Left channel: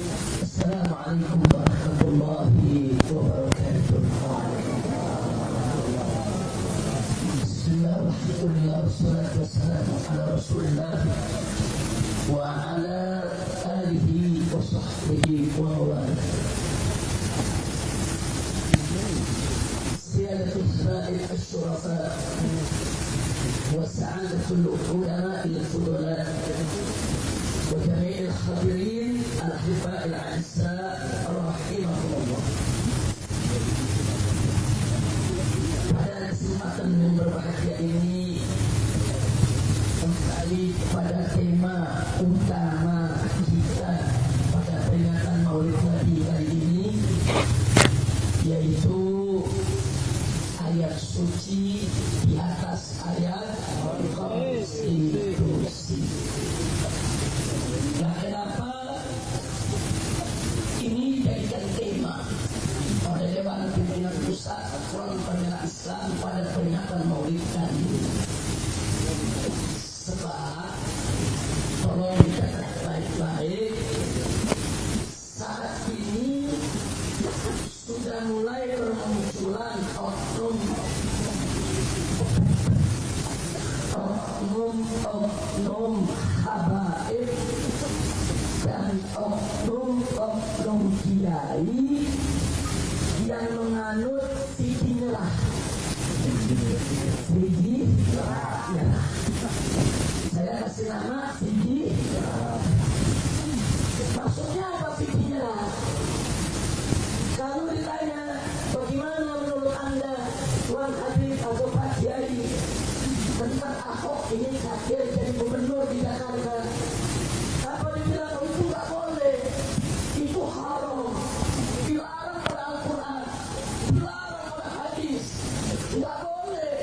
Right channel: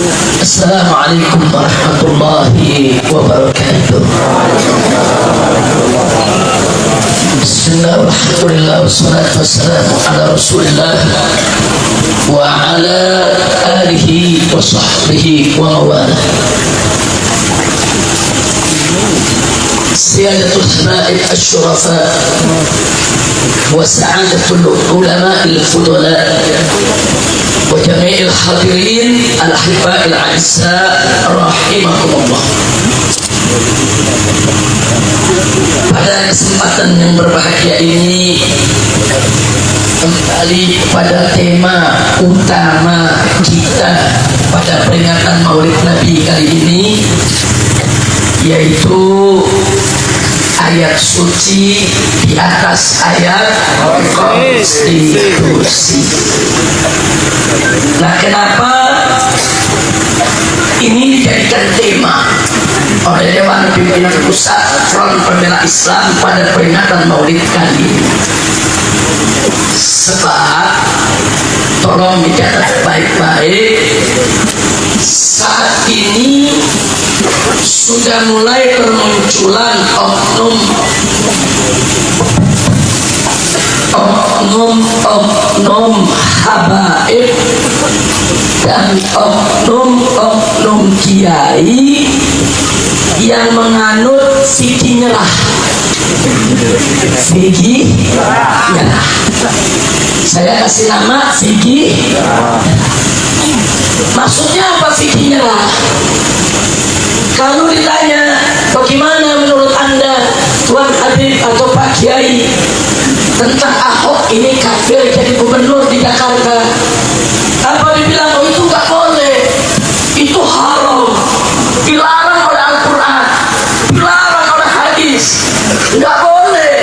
Assalamualaikum warahmatullahi wabarakatuh. Bismillah, alhamdulillah, wassalatu wassalamu ala rasulillah wa ala alihi wa sahbihi wa mawalah. Siyadatul habaib asyurafa wa sa'adatul ulama al-fudala wa jami'il hadirin al-ahibba al-a'izza rahimakumullah. Pada kesempatan yang berbahagia ini kembali pada tema utama kita pada peringatan Maulid Nabi kali ini, yaitu ayat suci di atas ayat konstitusi. Nah, kenapa ini dijadikan tema oleh Dewan Pimpinan Pusat Front Pembela Islam pada peringatan Maulid kali ini? Sebab tolong dicatat baik-baik, saat ini sudah mulai bermunculan oknum habaib dan oknum kiai yang menganut fikih nyerah. Fikih nyerah. Saya kasih nama fikih. Maksudnya apa fikih nyerah? Kalau ditanya bagaimana menurut Anda Tuan Habib atau Pak Kiai tentang Ahok ini kafir jadi gubernur di Jakarta, apa dibilang? Oh, itu nggak boleh, itu haram, dilarang oleh Al-Quran, dilarang oleh hadis, nggak boleh.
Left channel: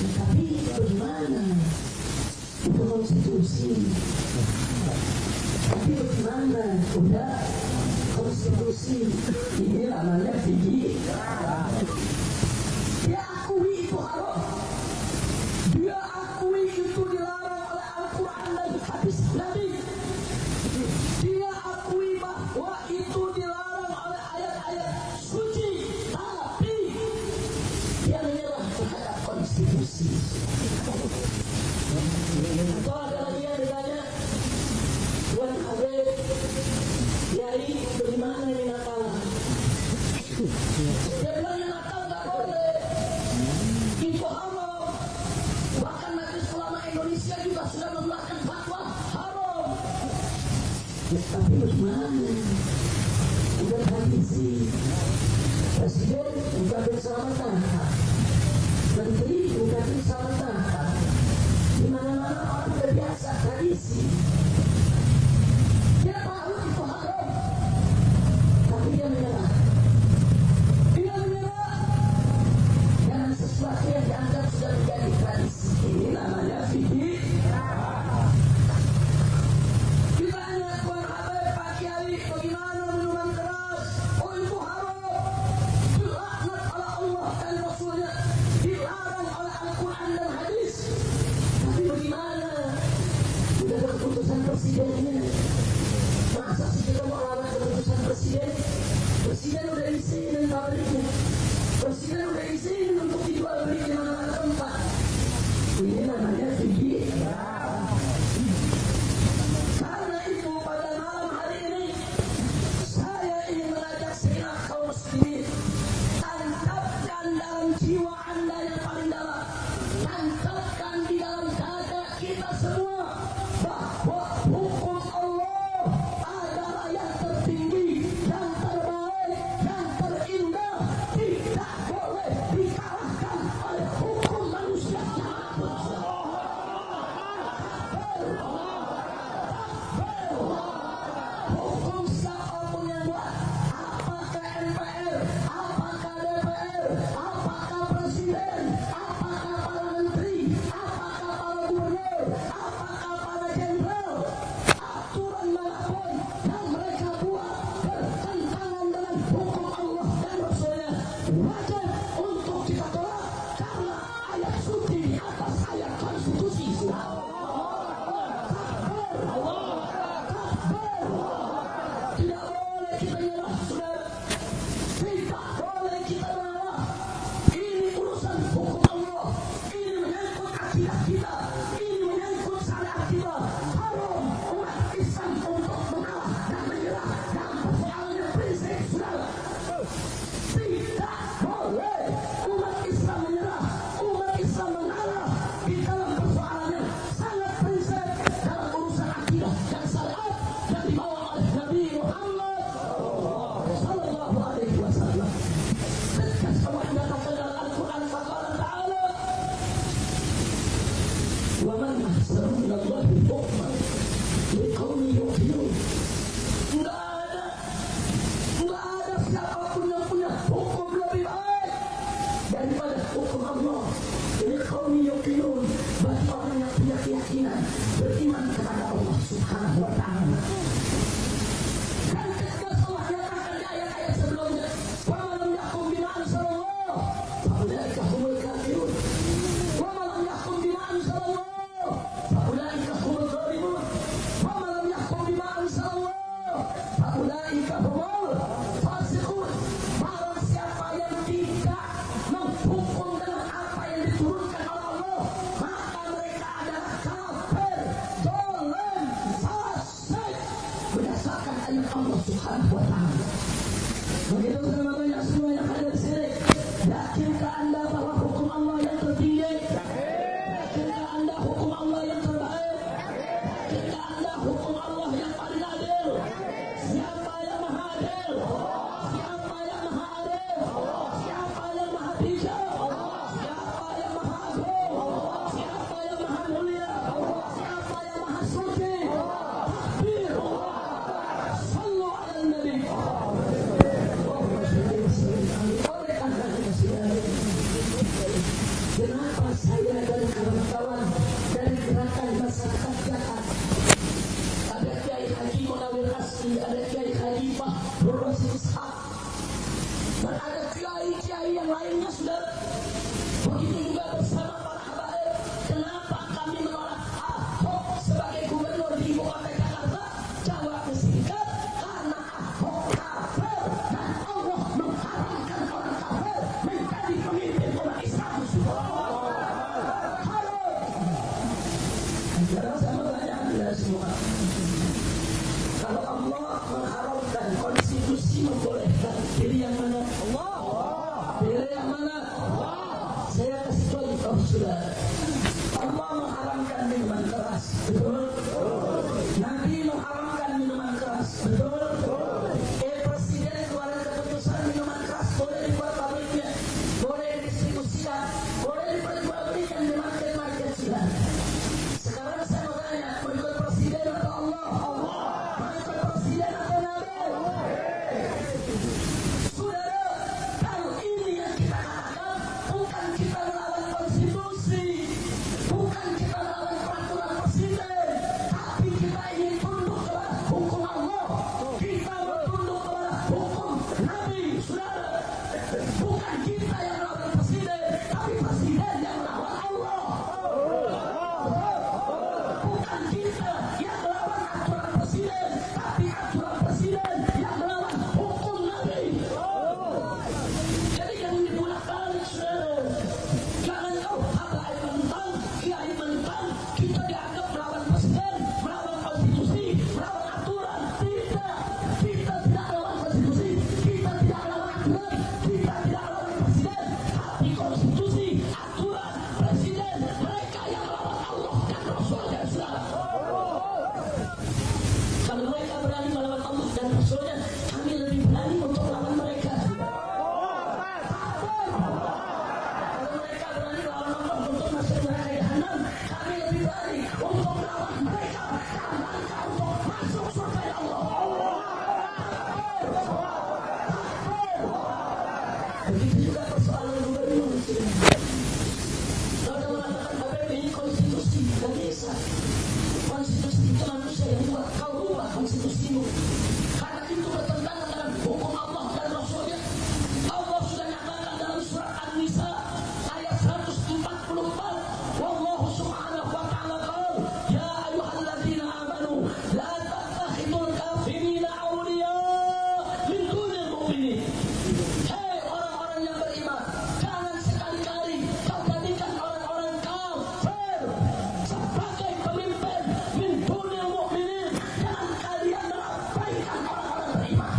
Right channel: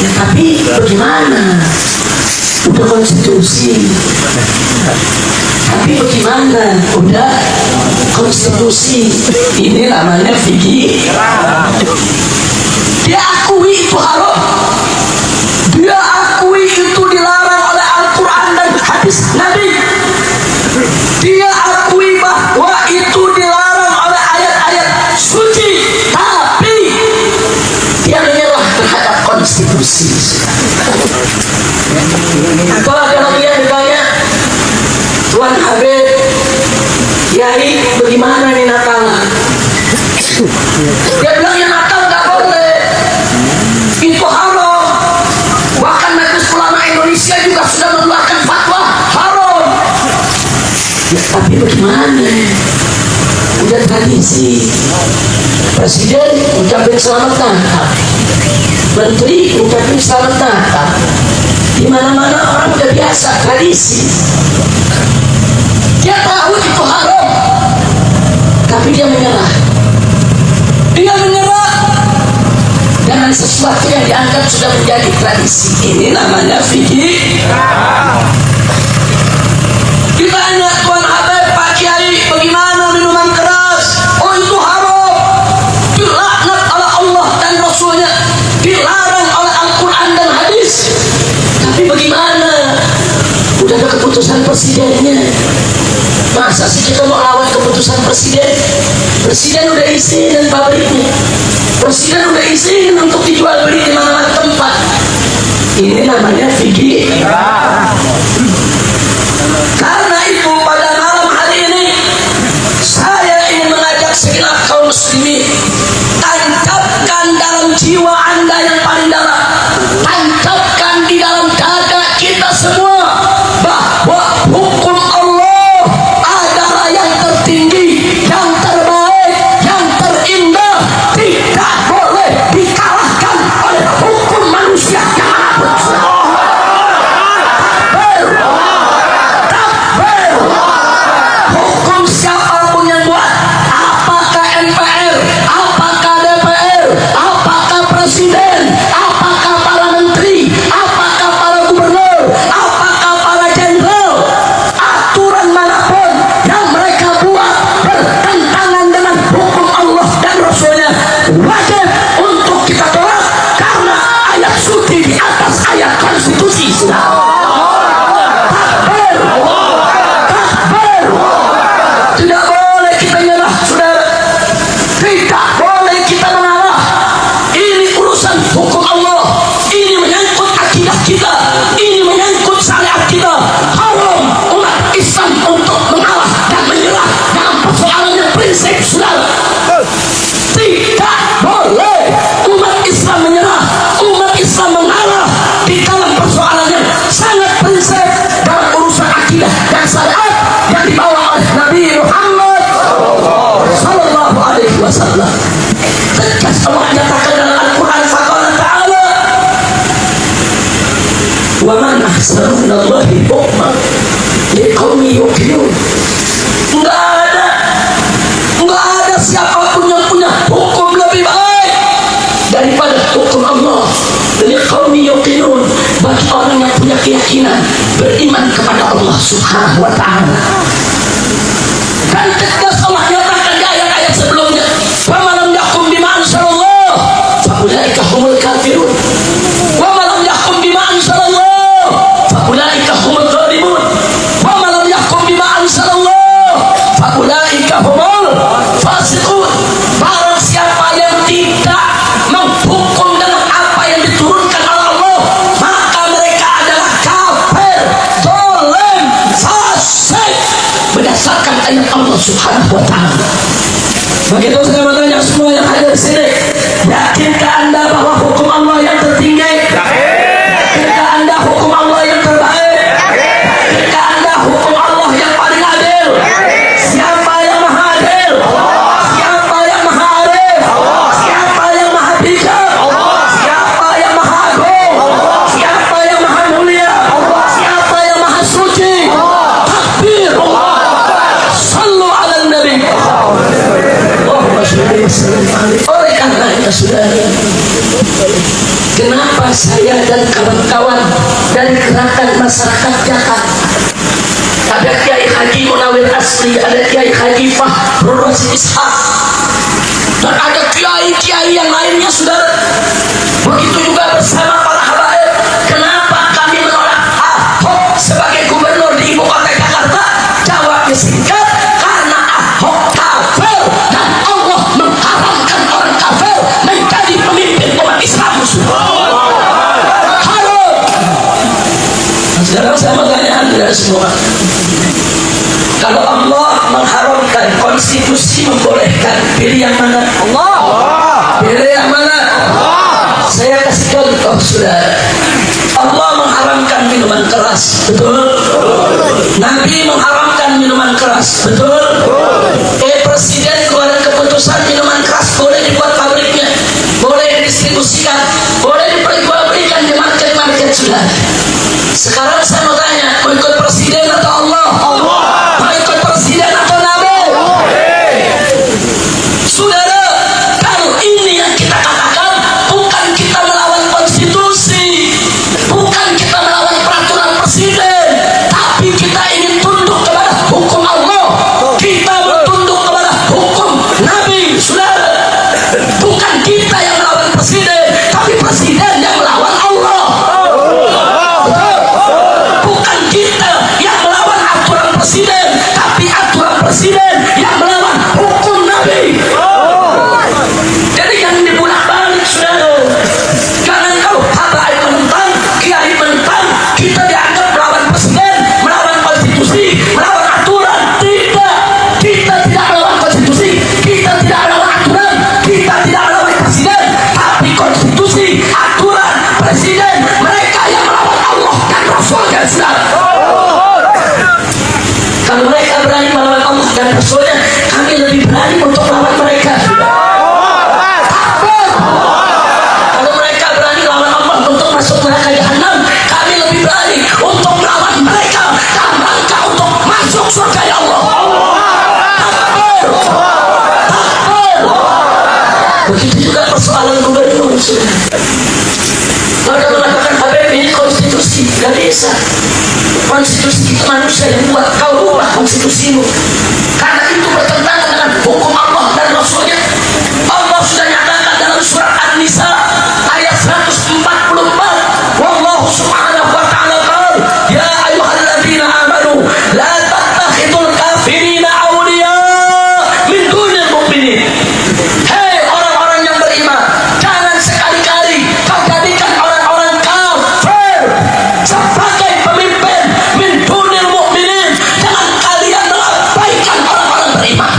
Ya, tapi bagaimana? Udah konstitusi. Tapi bagaimana? Udah konstitusi. Ini namanya fikih. Dia akui itu haram, dia akui itu dilarang oleh Al-Quran dan hadis Nabi, dia akui bahwa itu dilarang oleh ayat-ayat suci, tapi dia menyerah terhadap konstitusi. Kalau dia ditanya, Tuan Habib, Kiai, bagaimana nih Natal? Dia bilang, ya Natal nggak boleh, itu haram. Bahkan Majelis Ulama Indonesia juga sudah mengeluarkan fatwa haram. Ya, tapi bagaimana? Udah tradisi. Presiden ucapin selamat Natal, Menteri ucapin selamat Natal. Di mana-mana orang udah biasa tradisi. Dia tahu itu haram, tapi dia menyerah. Dia menyerah dengan sesuatu yang dianggap sudah menjadi tradisi. Ini namanya fikih. Ditanya Tuan Habib, Pak Kiai, bagaimana minuman keras? Oh, itu haram, dilaknat oleh Allah dan Rasulnya, dilarang oleh Al-Quran dan hadis. Tapi bagaimana? Udah ada keputusan presidennya. Masa sih kita mau lawan keputusan presiden? Presiden udah izinin pabriknya, presiden udah izinin untuk dijual beli di mana-mana tempat. Ini namanya fikih. Karena itu pada malam hari ini saya ingin mengajak segenap kaum muslimin, tancapkan dalam jiwa Anda yang paling dalam, tancapkan di dalam dada kita semua bahwa hukum Allah adalah yang tertinggi, yang terbaik, yang terindah, tidak boleh dikalahkan oleh hukum manusia yang apapun. oleh Nabi Muhammad sallallahu alaihi wasallam. Tegas Allah nyatakan dalam Al-Quran, faqala ta'ala wa man ahsanu minallahi hukman liqaumin yuqinun. Enggak ada siapapun yang punya hukum lebih baik daripada hukum Allah. Liqaumin yuqinun, bagi orang yang punya keyakinan, beriman kepada Allah Subhanahu wa ta'ala. Dan tegas Allah nyatakan di ayat-ayat sebelumnya, wa man lam yahkum bima anzalallah fa ulaika humul kafirun wa man lam yahkum bima anzalallah fa ulaika humul zalimun wa man lam yahkum bima anzalallah fa ulaika humul fasiqun. Barang siapa yang tidak menghukum dengan apa yang diturunkan oleh Allah, maka mereka adalah kafir, zalim, fasik berdasarkan ayat Allah Subhanahu wa ta'ala. Begitu saya bertanya semua yang hadir di sini, yakinkah Anda bahwa hukum Allah yang tertinggi? Yakinkah Anda hukum Allah yang terbaik? Yakinkah Anda hukum Allah yang paling adil? Siapa yang maha adil? Siapa yang maha arif? Siapa yang maha bijak? Siapa yang maha agung? Siapa yang maha mulia? Siapa yang maha suci? Takbir! Sallu ala nabi. Oleh karena itu saudara, kenapa saya dan kawan-kawan dari gerakan masyarakat Jakarta, ada Kiai Haji Munawir Asli, ada Kiai Haji Fahrul Rasyid Ishaq, dan ada kiai-kiai yang lainnya saudara, begitu juga bersama para habaib, kenapa kami menolak Ahok sebagai gubernur di ibu kota Jakarta? Jawabnya singkat, karena Ahok kafir dan Allah mengharamkan orang kafir menjadi pemimpin umat Islam. Halo. Sekarang saya bertanya Anda semua, kalau Allah mengharamkan, konstitusi membolehkan, pilih yang mana? Allah. Pilih yang mana? Allah. Saya kasih contoh saudara. Allah mengharamkan minuman keras, betul? Nabi mengharamkan minuman keras, betul? Presiden keluarin keputusan minuman keras boleh dibuat pabriknya, boleh didistribusikan, boleh diperjualbelikan di market-market sudah. Sekarang saya mau tanya, mau ikut presiden atau Allah? Allah. Mau ikut presiden atau Nabi? Saudara, kalau ini yang kita katakan, bukan kita melawan konstitusi, bukan kita melawan peraturan presiden, tapi kita ingin tunduk kepada hukum Allah. Kita bertunduk kepada hukum Nabi, saudara. Bukan kita yang melawan presiden, tapi presiden yang melawan Allah. Betul? Bukan kita yang melawan aturan presiden, tapi aturan presiden yang melawan hukum Nabi. Jadi yang dibulak-balik saudara. Jangan kalau habaib menentang, kiai menentang, kita dianggap melawan presiden, melawan konstitusi, melawan aturan. Tidak, kita tidak melawan konstitusi, kita tidak melawan aturan, kita tidak melawan presiden, tapi konstitusi, aturan, presiden, mereka yang melawan Allah dan Rasulnya saudara. Kalau mereka berani melawan Allah dan Rasulnya, kami lebih berani untuk melawan mereka. Takbir. Kalau mereka berani melawan Allah untuk masuk neraka jahanam, kami lebih berani untuk melawan mereka dalam rangka untuk masuk surga ya Allah. Takbir. Takbir. Begitu juga persoalan gubernur. Kalau ada mengatakan Habib ini konstitusi, gak bisa. Konstitusi itu manusia yang buat, kau ubah konstitusimu. Karena itu bertentangan dengan hukum Allah dan Rasulnya. Allah sudah nyatakan dalam surat An-Nisa ayat 144. Wallahu subhanahu wa ta'ala qala, ya ayyuhalladzina amanu la tattakhidul kafirina awliya min dunil mu'minin. Hei orang-orang yang beriman, jangan sekali-kali kau jadikan orang-orang kafir sebagai pemimpin min dunil mu'minin. Jangan kalian mengabaikan orang-orang beriman.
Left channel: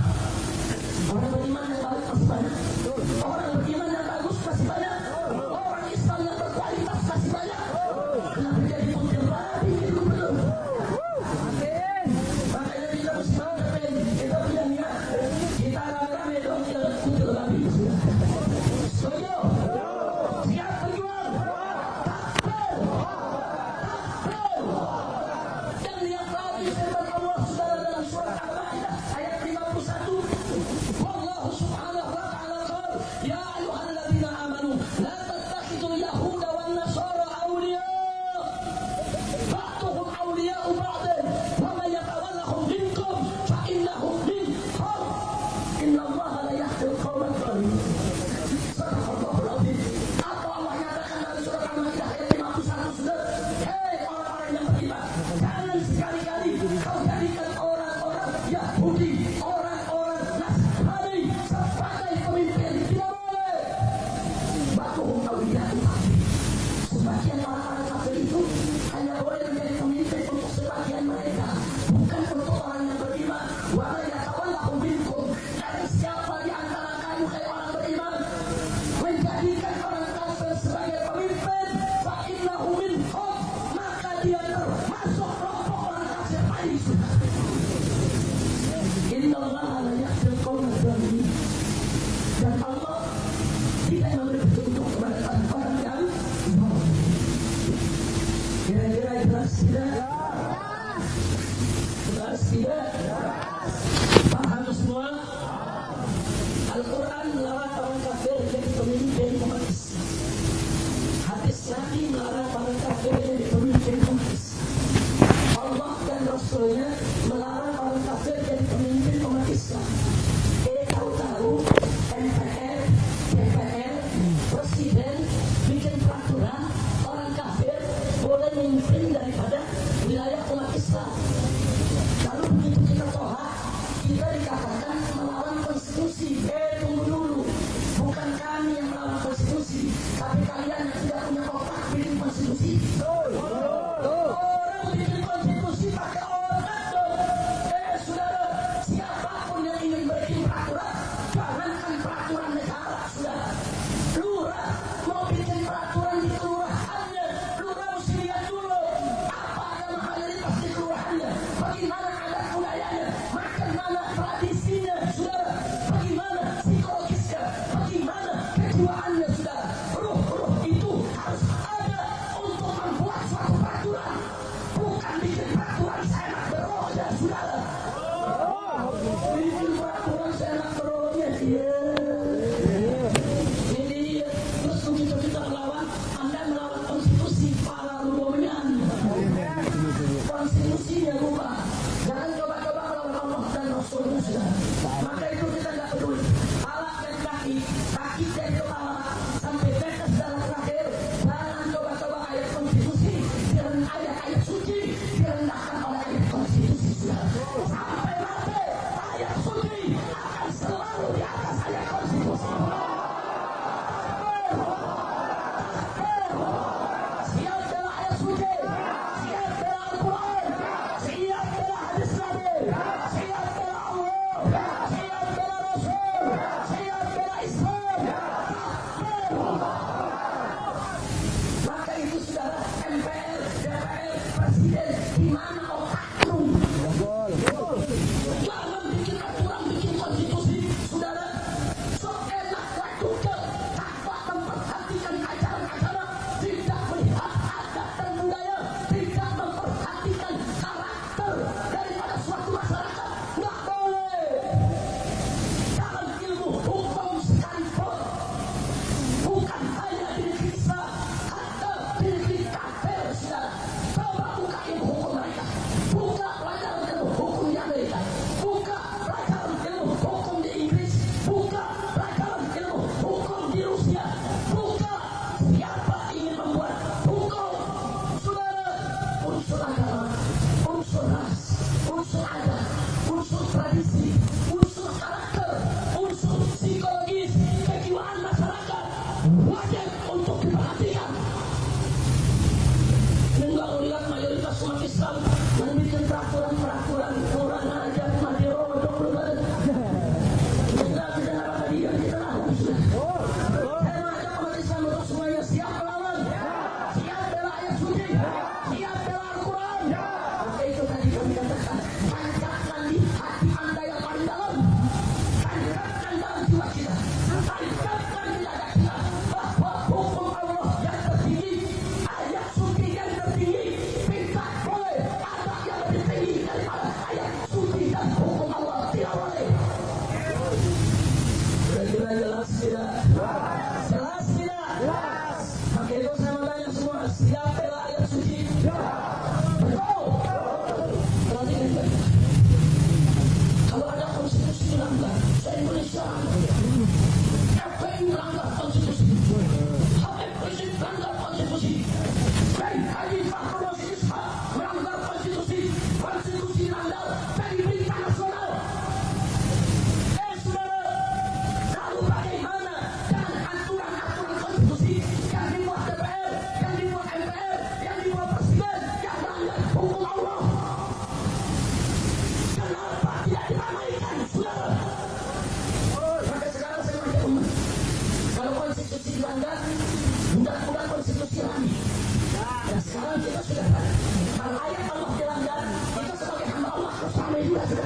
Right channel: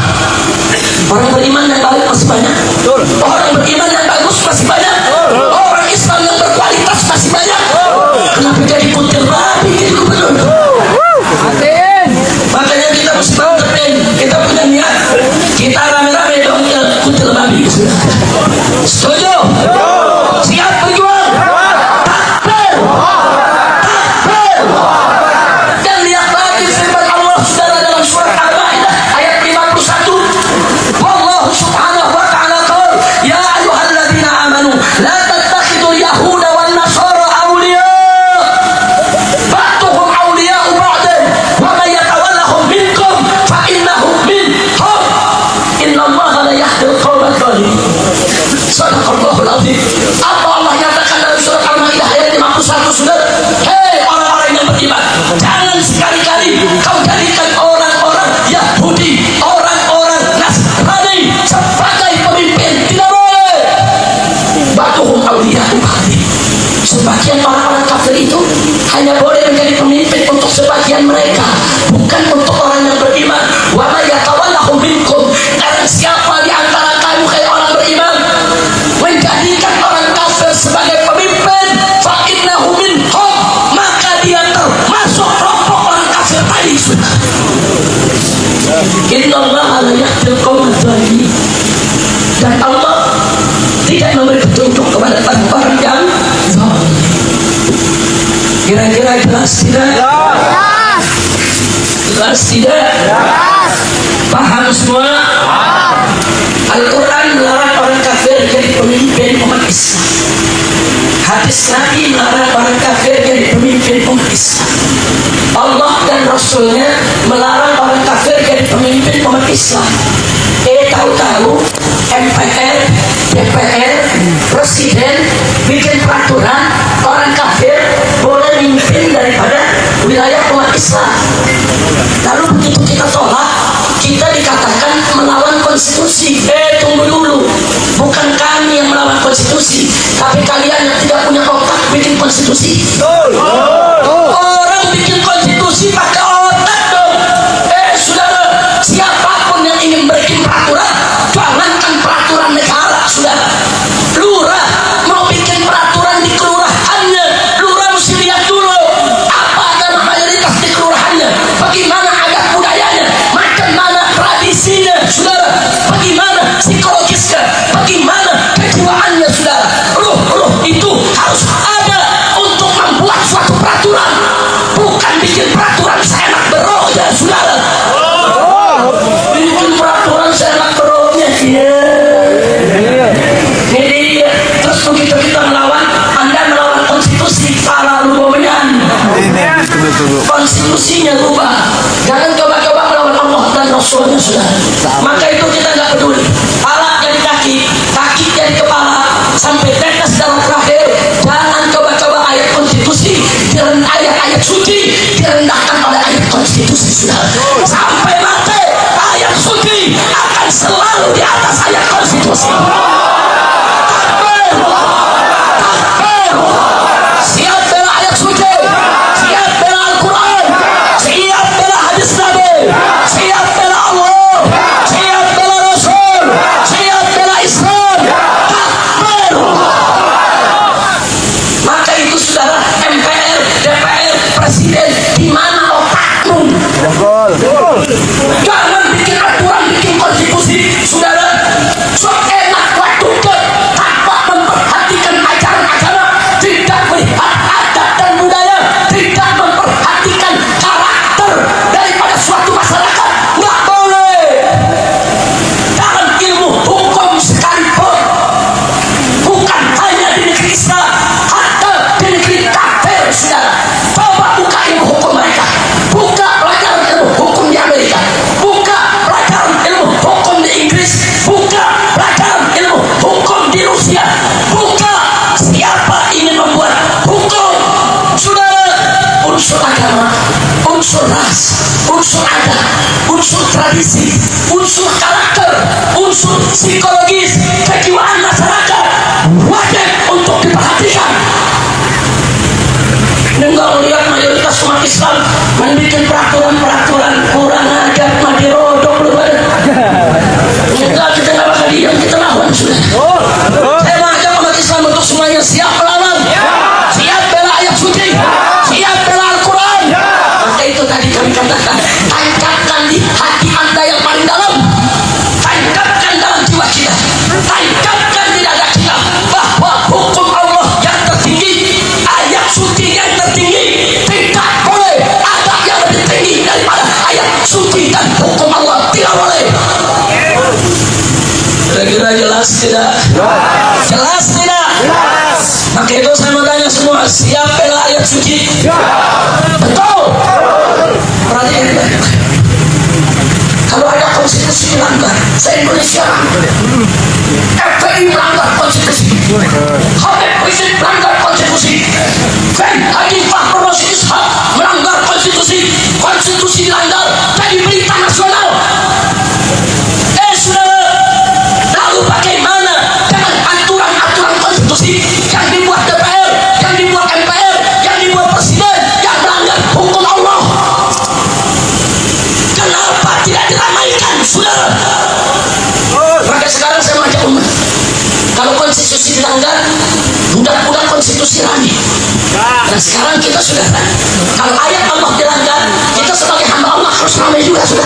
Innallaha la yahdil qaumadz zalimin. Dan Allah tidak memberi petunjuk kepada orang-orang yang zalim. Kira-kira jelas tidak? Jelas tidak? Paham semua? Al-Quran melarang orang kafir jadi pemimpin umat Islam. Hadis Nabi melarang orang kafir jadi pemimpin umat Islam. Allah dan Rasulnya melarang orang kafir jadi pemimpin umat Islam. Tahu-tahu MPR, DPR, Presiden bikin peraturan orang kafir boleh memimpin daripada wilayah umat Islam. Lalu begitu kita tolak, kita dikatakan melawan konstitusi. Tunggu dulu, bukan kami yang melawan konstitusi, tapi kalian yang tidak punya otak bikin konstitusi. Orang bikin konstitusi pakai otak dong. Saudara, siapapun yang ingin bikin peraturan, jangankan peraturan negara, saudara. Lurah mau bikin peraturan di kelurahannya, lurah mesti lihat dulu apa agama mayoritas di kelurahannya, bagaimana adat budayanya, macam mana tradisinya, saudara, bagaimana psikologisnya, bagaimana kejiwaannya, saudara. Ruh itu harus ada untuk membuat suatu peraturan, bukan bikin peraturan seenak berohnya, saudara. Bikin peraturan seenak berohnya, ini dia. Terus begitu kita melawan, Anda melawan konstitusi, salah lu bomenyan. Konstitusinya rubah. Jangan coba-coba melawan Allah dan Rasulnya, saudara. Maka itu kita nggak peduli. Kepala jadi kaki, kaki jadi kepala, sampai tetes darah terakhir. Jangan coba-coba ayat konstitusi, ayat-ayat suci direndahkan oleh ayat konstitusi, saudara. Sampai mati ayat suci akan selalu di atas ayat konstitusi. Siap bela ayat suci, siap bela Al-Quran, siap bela hadis Nabi, siap bela Allah, siap bela Rasul, siap bela Islam. Takbir. Maka itu saudara, MPR, DPR, Presiden, di mana otakmu? Jangan bikin aturan, bikin konstitusi, saudara. Sok enak waktu tanpa memperhatikan ajaran agama, tidak melihat adat dan budaya, tidak memperhatikan karakter daripada suatu masyarakat. Nggak boleh. Dalam ilmu hukum sekalipun, bukan hanya di negeri Islam, hatta di negeri kafir, saudara. Coba buka ilmu hukum mereka, buka pelajaran ilmu hukum di Amerika, buka pelajaran ilmu hukum di Inggris, buka pelajaran ilmu hukum di Rusia, buka. Siapa ingin membuat hukum, saudara, unsur agama, unsur ras, unsur adat, unsur tradisi, unsur karakter, unsur psikologis, kejiwaan masyarakat wajib untuk diperhatikan. Enggak melihat mayoritas umat Islam membuat peraturan-peraturan kurang ajar, mati rodok lu pada. Enggak, kita nggak bakal diam, kita lawan, sudah. Saya mengajak umat Islam untuk semuanya siap melawan, siap bela ayat suci, siap bela Al-Quran. Maka itu tadi kami katakan, tancapkan di hati Anda yang paling dalam, tancapkan dalam jiwa kita, tancapkan di dada kita bahwa hukum Allah yang tertinggi, ayat suci yang tertinggi, tidak boleh ada yang lebih tinggi daripada ayat suci dan hukum Allah, tidak boleh. Kira-kira jelas tidak? Jelas tidak? Maka itu saya mau tanya semua, siap bela ayat suci? Betul? Perhatikan baik. Kalau ada konstitusi melanggar, se-Indonesia FPI melanggar konstitusi, Habib Rizik melanggar konstitusi, Haji Fakhrul Rasyid Ishaq melanggar konstitusi, konstitusi dilanggar jadi berita nasional. Saudara, lalu bagaimana dengan aturan-aturan konstitusi yang dibuat DPR, yang dibuat MPR, yang dibuat Presiden, yang melanggar hukum Allah? Kenapa tidak diramaikan, saudara? Maka sekarang saya mengajak umat, kalau konstitusi dilanggar, budak-budak konstitusi rame. Dan sekarang kita sudah kalau ayat Allah dilanggar, kita sebagai hamba Allah harus ramai juga, sudah.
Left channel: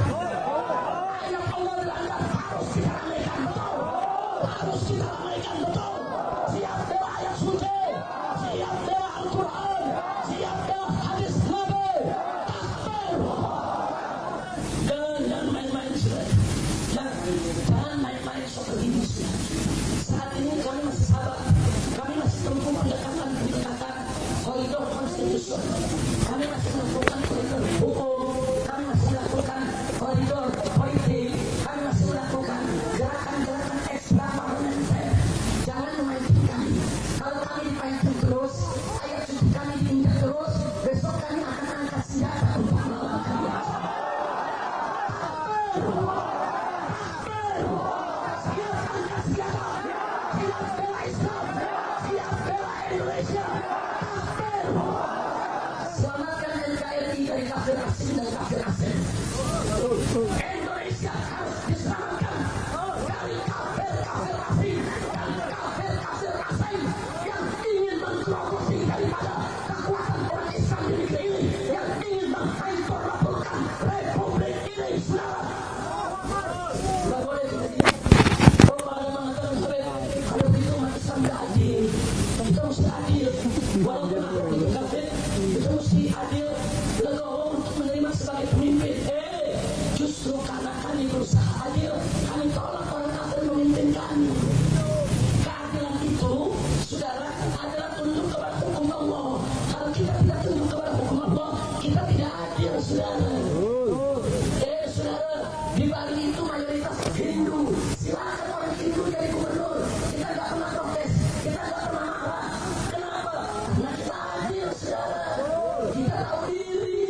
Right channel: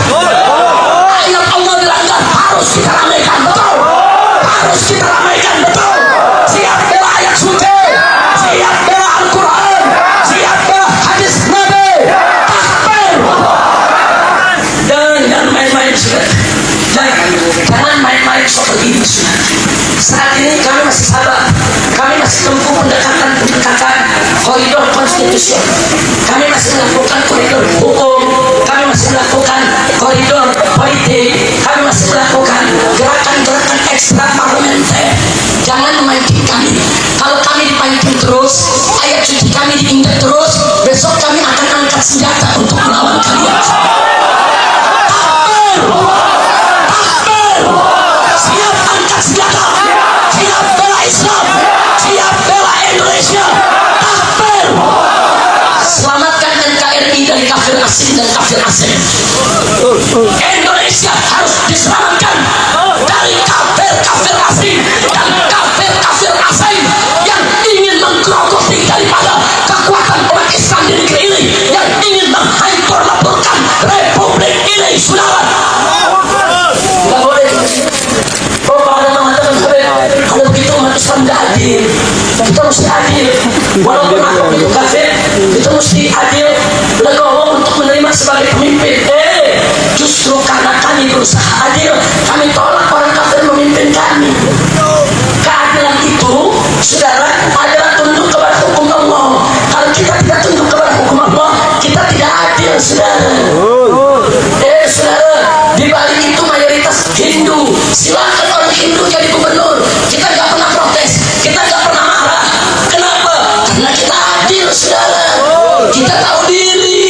Indonesia. Kami masih melakukan koridor hukum, kami masih melakukan koridor politik, kami masih melakukan gerakan-gerakan ekstra parlementer. Jangan memancing kami. Kalau kami dipancing terus, ayat suci kami diingat terus, besok kami akan angkat senjata untuk melawan kalian. Siap angkat senjata, siap bela Islam, siap bela Indonesia. Takbir. Selamatkan NKRI dari kafir asing dan kafir asing. Indonesia harus diselamatkan dari kafir-kafir asing dan kafir-kafir asing yang ingin menggerogoti daripada kekuatan umat Islam di negeri ini, yang ingin menghancur-leburkan republik ini, saudara. Tidak boleh. Oh, kalau ada mengatakan kalau begitu umat Islam tidak adil, kita mesti adil. Walaupun aku itu kafir, kita mesti adil, legowo untuk menerima sebagai pemimpin. Justru karena kami berusaha adil, kami tolak orang kafir memimpin kami. Keadilan itu, saudara, adalah tunduk kepada hukum Allah. Kalau kita tidak tunduk kepada hukum Allah, kita tidak adil, saudara. Saudara, di balik itu mayoritas Hindu. Silakan orang Hindu jadi gubernur. Kita nggak pernah protes, kita nggak pernah marah. Kenapa? Karena kita adil, saudara. Kita tahu diri.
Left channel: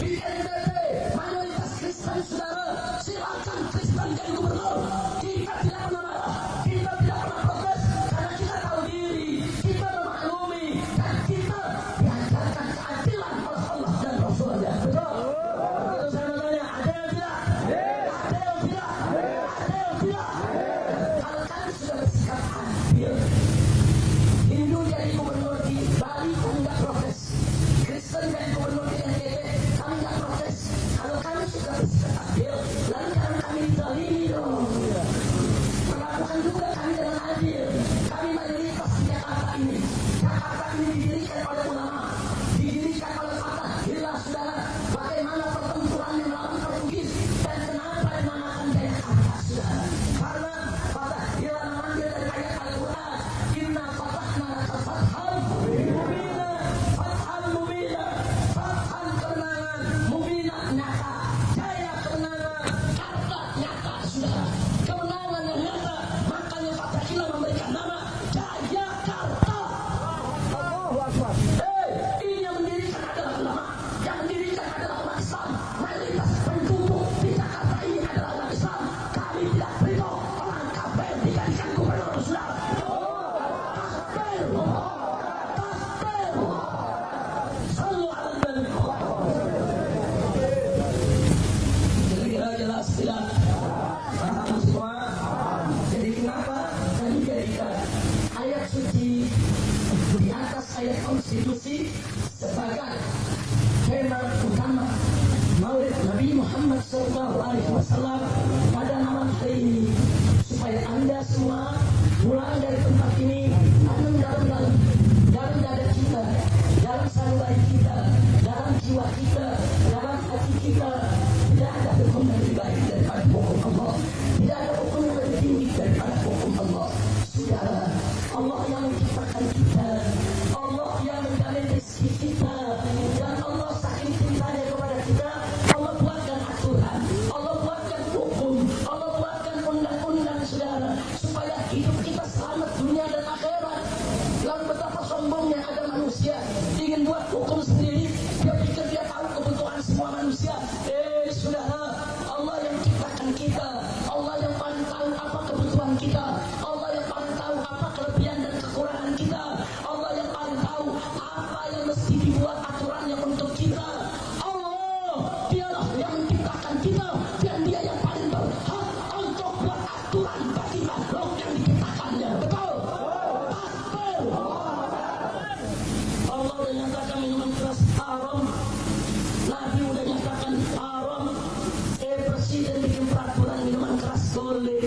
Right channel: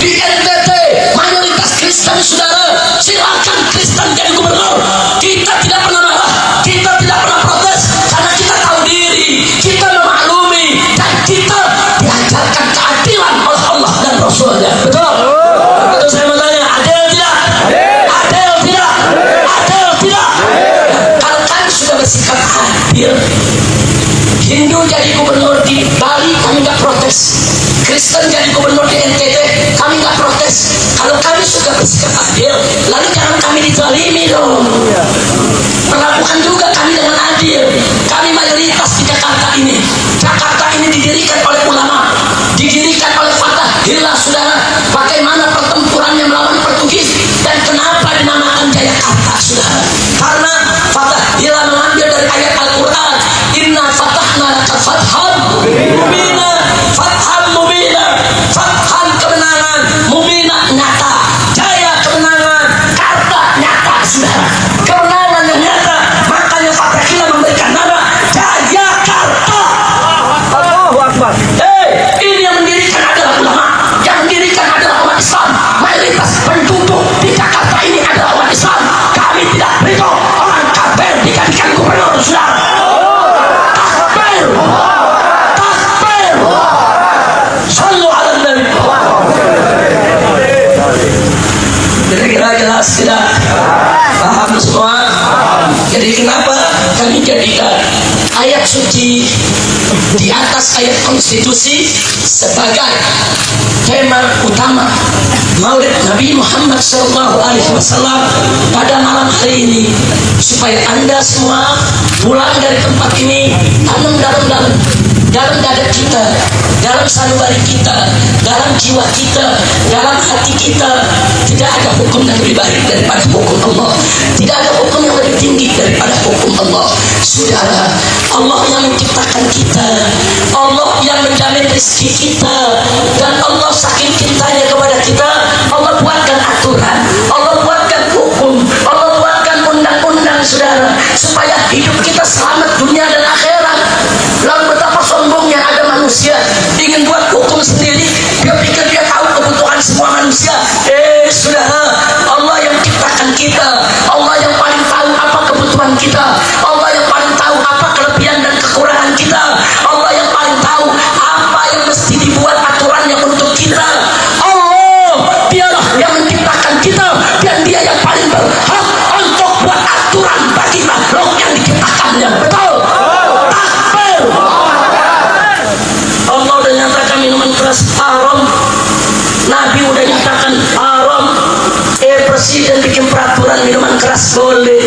Di NTT mayoritas Kristen, saudara. Silakan Kristen jadi gubernur. Kita tidak pernah marah, kita tidak pernah protes, karena kita tahu diri, kita memaklumi, dan kita diajarkan keadilan oleh Allah dan Rasulnya. Betul? Betul, saya mau tanya, adil tidak? Adil tidak? Adil tidak? Kalau kami sudah bersikap adil, Hindu jadi gubernur di Bali, kami nggak protes. Kristen jadi gubernur di NTT, kami nggak protes. Kalau kami sudah bersikap adil, lalu jangan kami dizalimi dong. Perlakukan juga kami dengan adil. Kami mayoritas di Jakarta ini. Jakarta ini didirikan oleh ulama, didirikan oleh Fathahillah, saudara. Bagaimana pertempurannya melawan Portugis dan kenapa dinamakan Jayakarta, saudara? Karena Fathahillah mengambil dari ayat Al-Quran, Inna fatahna laka fathan mubina, fathan mubina, fathan kemenangan, mubina nyata, jaya kemenangan, karta nyata, saudara. Kemenangan yang nyata, makanya Fathahillah memberikan nama Jayakarta. Allahu Akbar. Ini yang mendirikan adalah ulama, yang mendirikan adalah umat Islam. Mayoritas penduduk di Jakarta ini adalah umat Islam. Kami tidak ridho orang kafir dijadikan gubernur, saudara. Takbir, takbir. Sallu ala Nabi. Kira-kira jelas tidak? Paham semua? Jadi kenapa kami jadikan ayat suci di atas ayat konstitusi sebagai tema utama Maulid Nabi Muhammad SAW pada malam hari ini, supaya Anda semua pulang dari tempat ini tanam dalam dada kita, dalam sanubari kita, dalam jiwa kita, dalam hati kita. Tidak ada hukum yang lebih baik daripada hukum Allah. Tidak ada hukum yang lebih tinggi daripada hukum Allah. Saudara, Allah yang menciptakan kita, Allah yang menjamin rezeki kita, dan Allah saking cintanya kepada kita, Allah buatkan aturan, Allah buatkan hukum, Allah buatkan undang-undang, saudara, supaya hidup kita selamat dunia dan akhirat. Lalu betapa sombongnya ada manusia ingin buat hukum sendiri, dia pikir dia tahu kebutuhan semua manusia. Saudara, Allah yang ciptakan kita, Allah yang paling tahu apa kebutuhan kita, Allah yang paling tahu apa kelebihan dan kekurangan kita, Allah yang paling tahu apa yang mesti dibuat aturannya untuk kita. Allah, dialah yang menciptakan kita, dan dia yang paling berhak untuk buat aturan bagi makhluk yang diciptakannya. Betul? Takbir. Allah udah nyatakan minuman keras haram, Nabi udah nyatakan haram. Presiden bikin peraturan minuman keras boleh.